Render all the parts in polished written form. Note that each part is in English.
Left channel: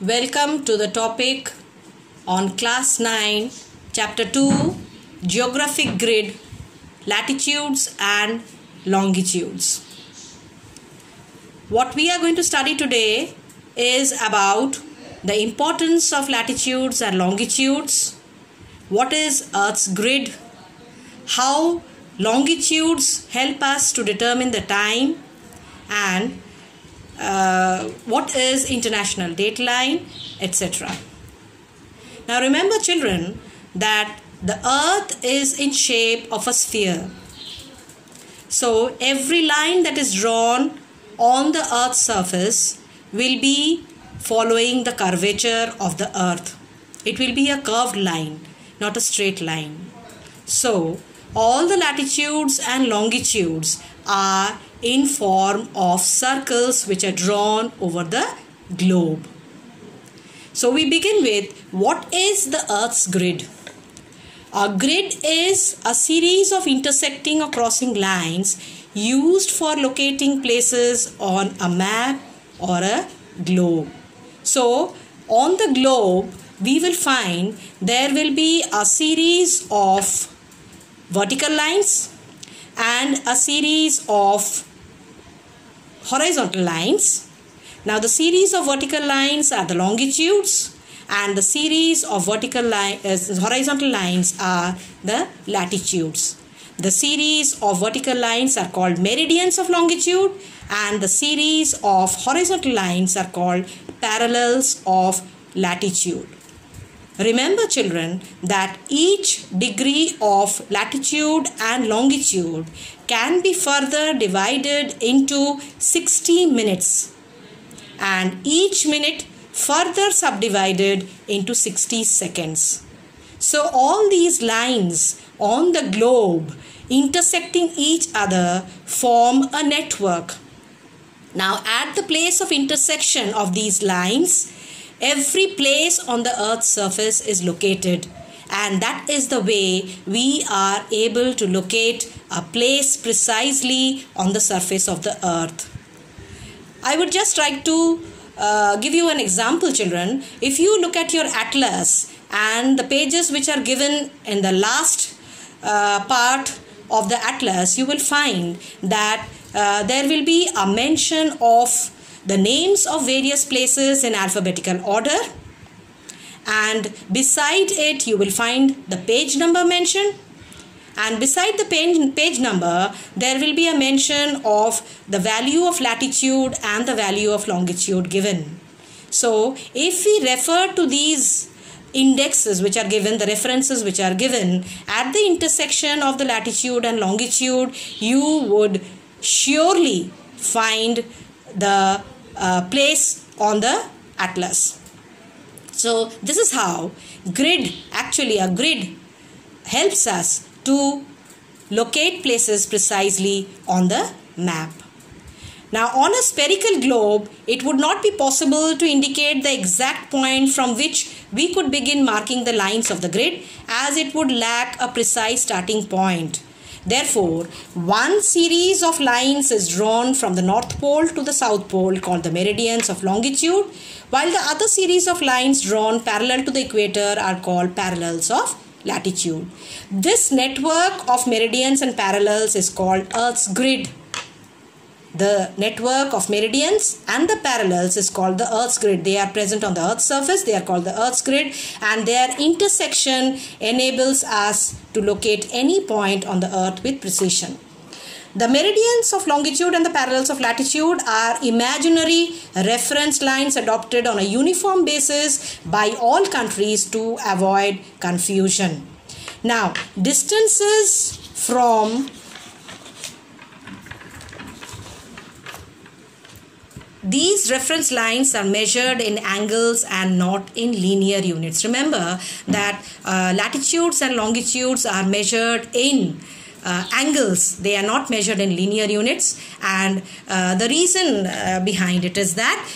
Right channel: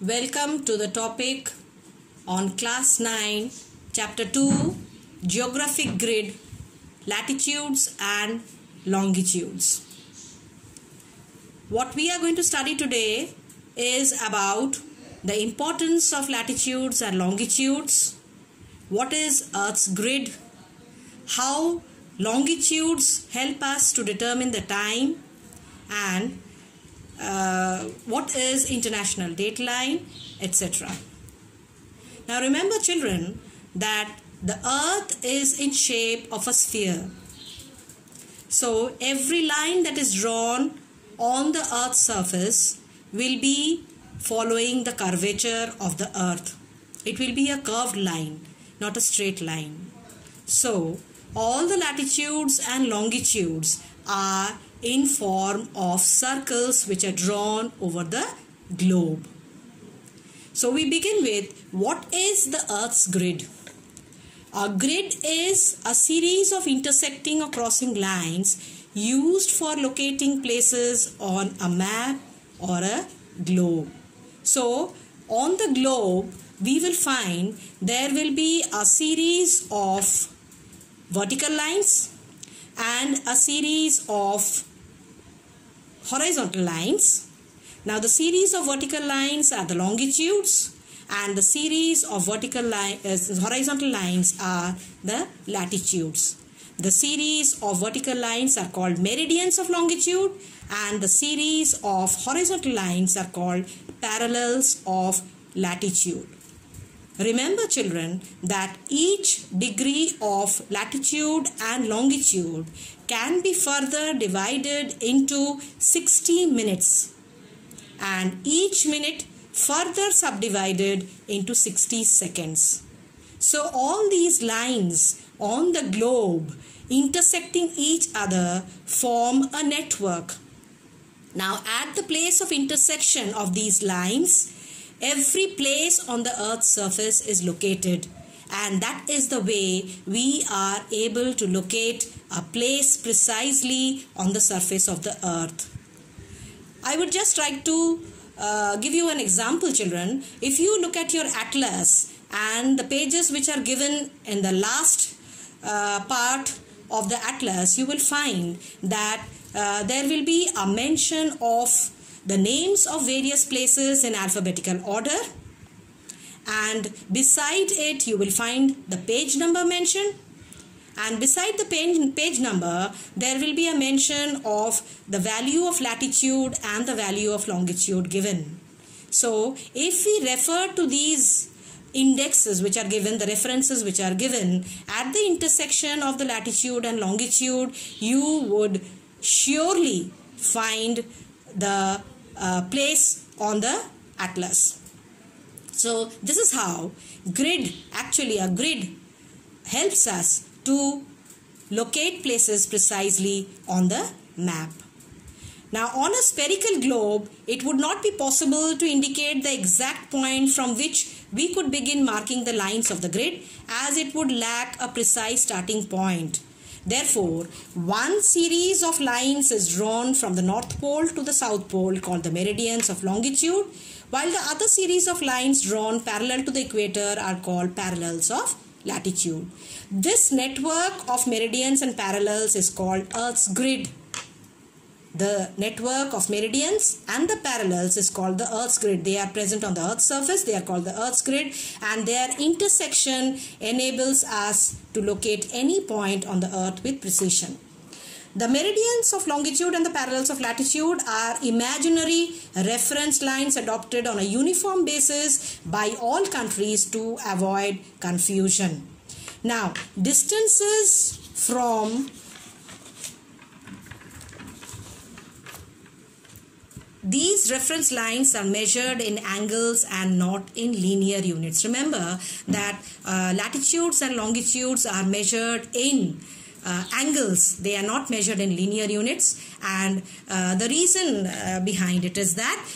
Welcome to the topic on Class 9, Chapter 2, Geographic Grid, Latitudes and Longitudes. What we are going to study today is about the importance of latitudes and longitudes, what is Earth's grid, how longitudes help us to determine the time, and what is international dateline, etc. Now remember, children, that the Earth is in shape of a sphere. So every line that is drawn on the Earth's surface will be following the curvature of the Earth. It will be a curved line, not a straight line. So all the latitudes and longitudes are in form of circles which are drawn over the globe. So we begin with, what is the Earth's grid? A grid is a series of intersecting or crossing lines used for locating places on a map or a globe. So on the globe we will find there will be a series of vertical lines and a series of horizontal lines. Now the series of vertical lines are the longitudes and the series of horizontal lines are the latitudes. The series of vertical lines are called meridians of longitude and the series of horizontal lines are called parallels of latitude. Remember, children, that each degree of latitude and longitude can be further divided into 60 minutes and each minute further subdivided into 60 seconds. So all these lines on the globe intersecting each other form a network. Now at the place of intersection of these lines, every place on the Earth's surface is located, and that is the way we are able to locate a place precisely on the surface of the Earth. I would just like to give you an example, children. If you look at your atlas and the pages which are given in the last part of the atlas, you will find that there will be a mention of the names of various places in alphabetical order, and beside it you will find the page number mentioned, and beside the page number there will be a mention of the value of latitude and the value of longitude given. So if we refer to these indexes which are given, the references which are given at the intersection of the latitude and longitude, you would surely find the place on the atlas. So this is how a grid helps us to locate places precisely on the map. Now on a spherical globe, it would not be possible to indicate the exact point from which we could begin marking the lines of the grid, as it would lack a precise starting point. Therefore, one series of lines is drawn from the North Pole to the South Pole called the meridians of longitude, while the other series of lines drawn parallel to the equator are called parallels of latitude. This network of meridians and parallels is called Earth's grid. The network of meridians and the parallels is called the Earth's grid. They are present on the Earth's surface. They are called the Earth's grid, and their intersection enables us to locate any point on the Earth with precision. The meridians of longitude and the parallels of latitude are imaginary reference lines adopted on a uniform basis by all countries to avoid confusion. Now, distances from these reference lines are measured in angles and not in linear units. Remember that latitudes and longitudes are measured in angles. They are not measured in linear units, and the reason behind it is that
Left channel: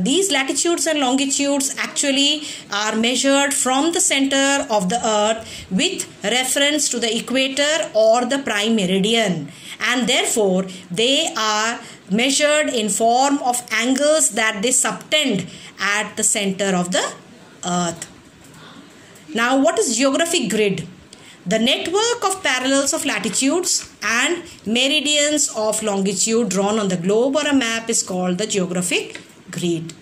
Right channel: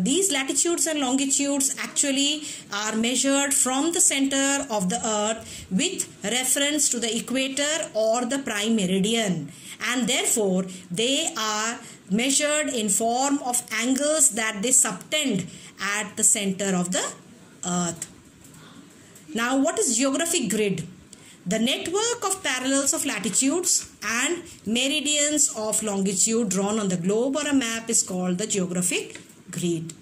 these latitudes and longitudes actually are measured from the center of the Earth with reference to the equator or the prime meridian, and therefore they are measured in form of angles that they subtend at the center of the earth. Now, what is geographic grid? The network of parallels of latitudes and meridians of longitude drawn on the globe or a map is called the geographic grid.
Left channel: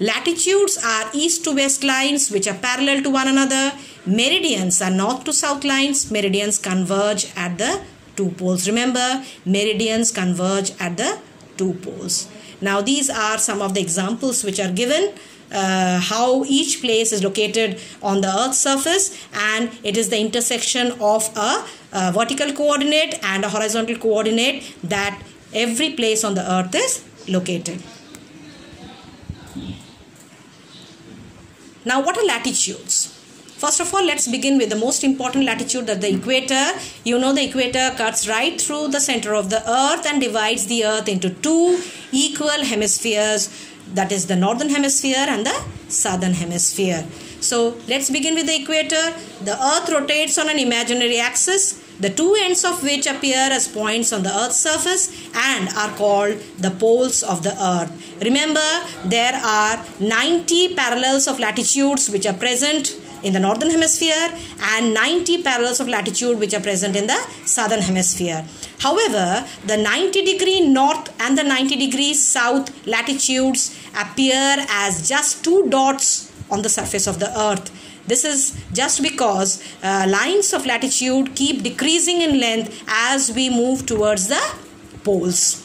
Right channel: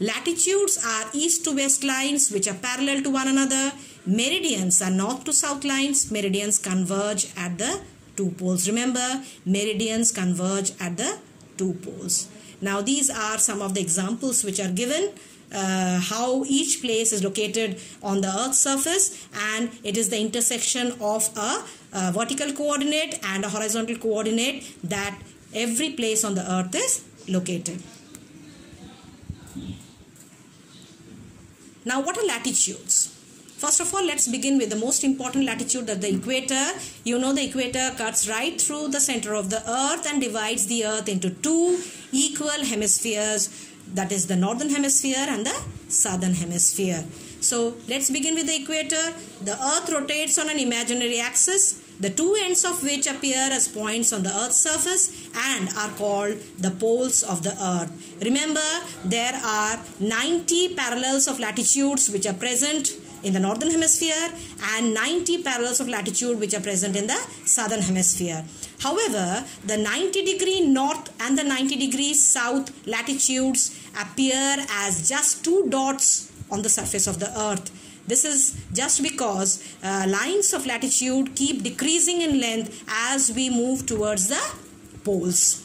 Latitudes are east to west lines which are parallel to one another. Meridians are north to south lines. Meridians converge at the two poles. Remember, meridians converge at the two poles. Now, these are some of the examples which are given. How each place is located on the earth's surface, and it is the intersection of a vertical coordinate and a horizontal coordinate that every place on the earth is located. Now, what are latitudes? First of all, let's begin with the most important latitude, that the equator. You know, the equator cuts right through the center of the earth and divides the earth into two equal hemispheres, that is the northern hemisphere and the southern hemisphere. So let's begin with the equator. The earth rotates on an imaginary axis, the two ends of which appear as points on the earth's surface and are called the poles of the earth. Remember, there are 90 parallels of latitudes which are present in the northern hemisphere and 90 parallels of latitude which are present in the southern hemisphere. However, the 90-degree north and the 90-degree south latitudes appear as just two dots on the surface of the earth. This is just because lines of latitude keep decreasing in length as we move towards the poles.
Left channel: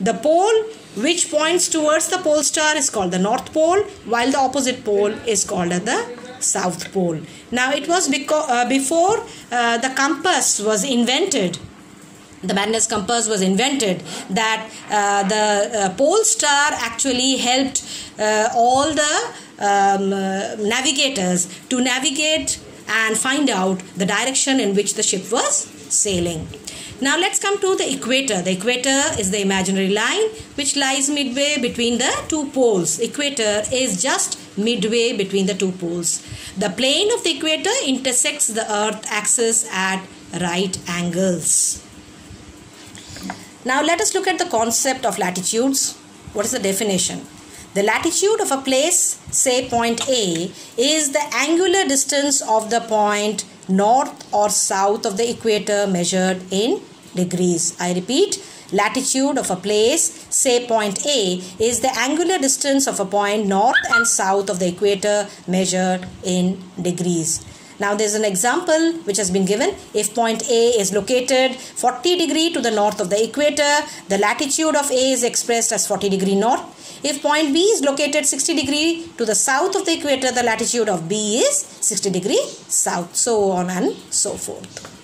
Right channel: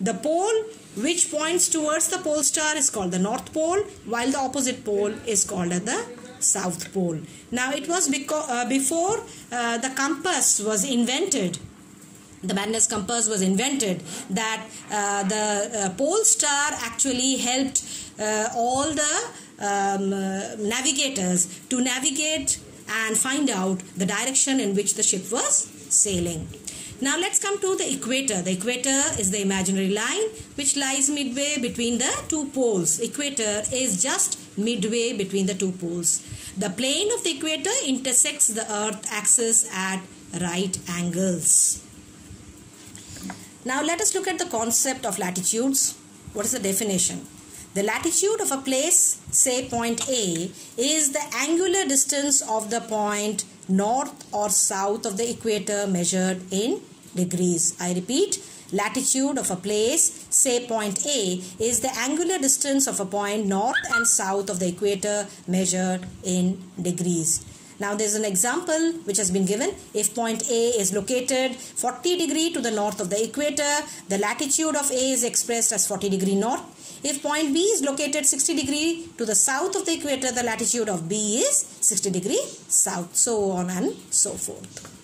The pole which points towards the pole star is called the North Pole, while the opposite pole is called the South Pole. Now, it was before the compass was invented, the Magnus compass was invented, that the pole star actually helped all the navigators to navigate and find out the direction in which the ship was sailing. Now, let's come to the equator. The equator is the imaginary line which lies midway between the two poles. Equator is just midway between the two poles. The plane of the equator intersects the earth axis at right angles. Now, let us look at the concept of latitudes. What is the definition? The latitude of a place, say point A, is the angular distance of the point north or south of the equator measured in degrees. I repeat, latitude of a place, say point A, is the angular distance of a point north and south of the equator measured in degrees. Now, there is an example which has been given. If point A is located 40 degrees to the north of the equator, the latitude of A is expressed as 40 degrees north. If point B is located 60 degrees to the south of the equator, the latitude of B is 60 degrees south, so on and so forth.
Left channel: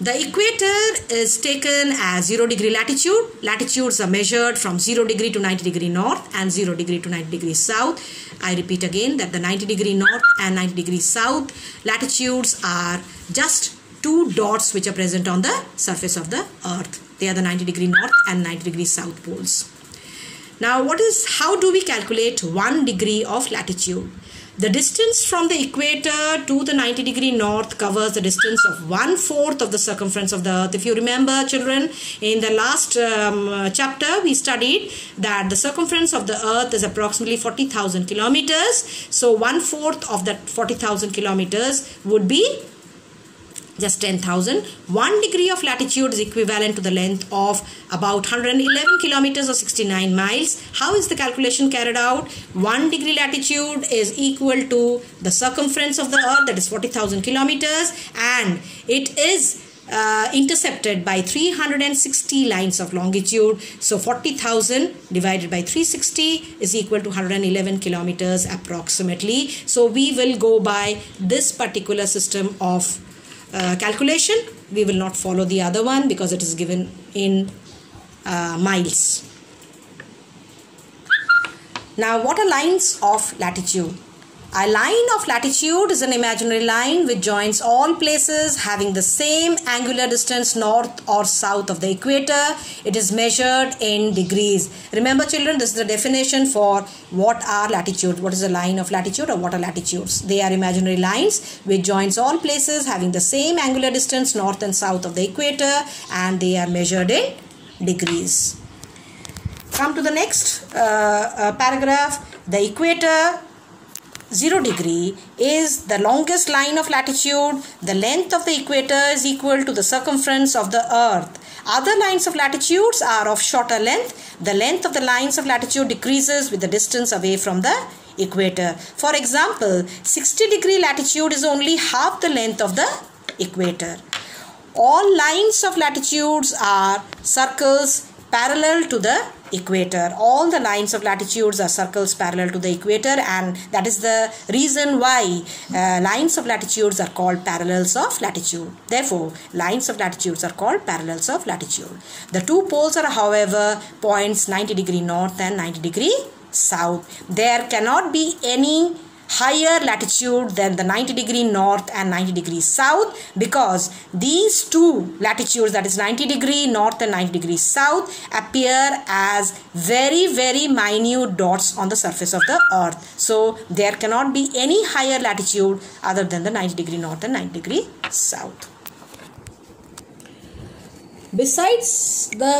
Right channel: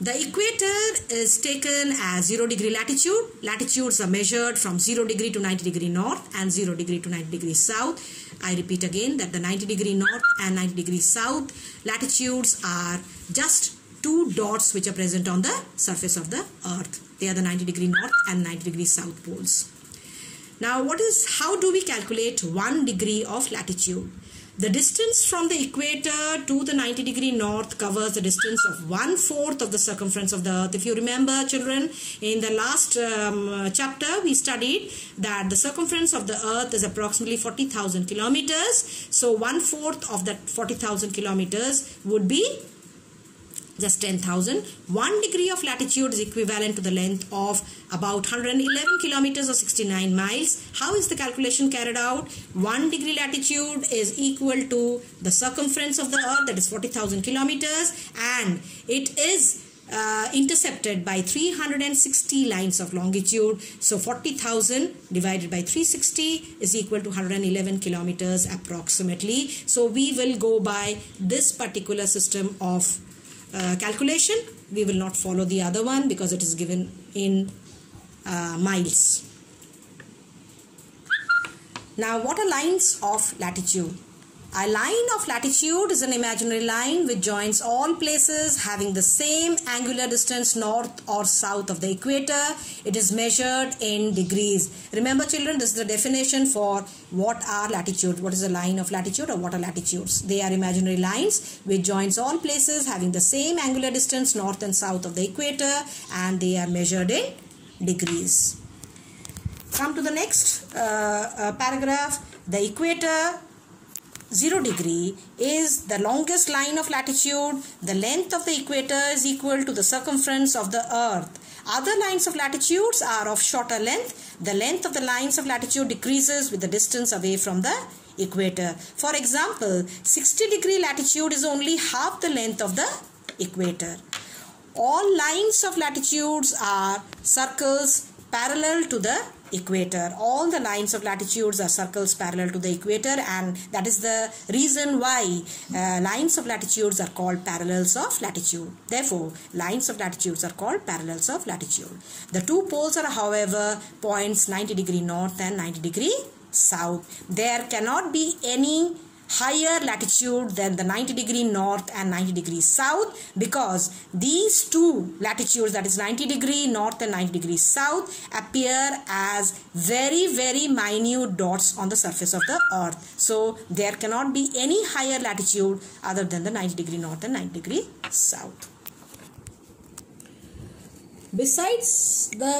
The equator is taken as 0 degree latitude. Latitudes are measured from 0 degree to 90 degree north and 0 degree to 90 degree south. I repeat again that the 90 degree north and 90 degree south latitudes are just two dots which are present on the surface of the earth. They are the 90 degree north and 90 degree south poles. Now, how do we calculate 1 degree of latitude? The distance from the equator to the 90 degree north covers the distance of 1/4 of the circumference of the earth. If you remember, children, in the last chapter we studied that the circumference of the earth is approximately 40,000 kilometers. So 1/4 of that 40,000 kilometers would be just 10,000. 1 degree of latitude is equivalent to the length of about 111 kilometers or 69 miles. How is the calculation carried out? 1 degree latitude is equal to the circumference of the earth, that is 40,000 kilometers, and it is intercepted by 360 lines of longitude. So 40,000 divided by 360 is equal to 111 kilometers approximately. So we will go by this particular system of calculation. We will not follow the other one because it is given in miles. Now, what are lines of latitude? A line of latitude is an imaginary line which joins all places having the same angular distance north or south of the equator. It is measured in degrees. Remember, children, this is the definition for what are latitudes. What is a line of latitude or what are latitudes? They are imaginary lines which joins all places having the same angular distance north and south of the equator, and they are measured in degrees. Come to the next paragraph. The equator 0 degree is the longest line of latitude. The length of the equator is equal to the circumference of the earth. Other lines of latitudes are of shorter length. The length of the lines of latitude decreases with the distance away from the equator. For example, 60-degree latitude is only half the length of the equator. All lines of latitudes are circles parallel to the equator. All the lines of latitudes are circles parallel to the equator, and that is the reason why lines of latitudes are called parallels of latitude. Therefore, lines of latitudes are called parallels of latitude. The two poles are, however, points 90 degree north and 90 degree south. There cannot be any higher latitude than the 90 degree north and 90 degree south, because these two latitudes, that is 90 degree north and 90 degree south, appear as very minute dots on the surface of the earth. So there cannot be any higher latitude other than the 90 degree north and 90 degree south. Besides the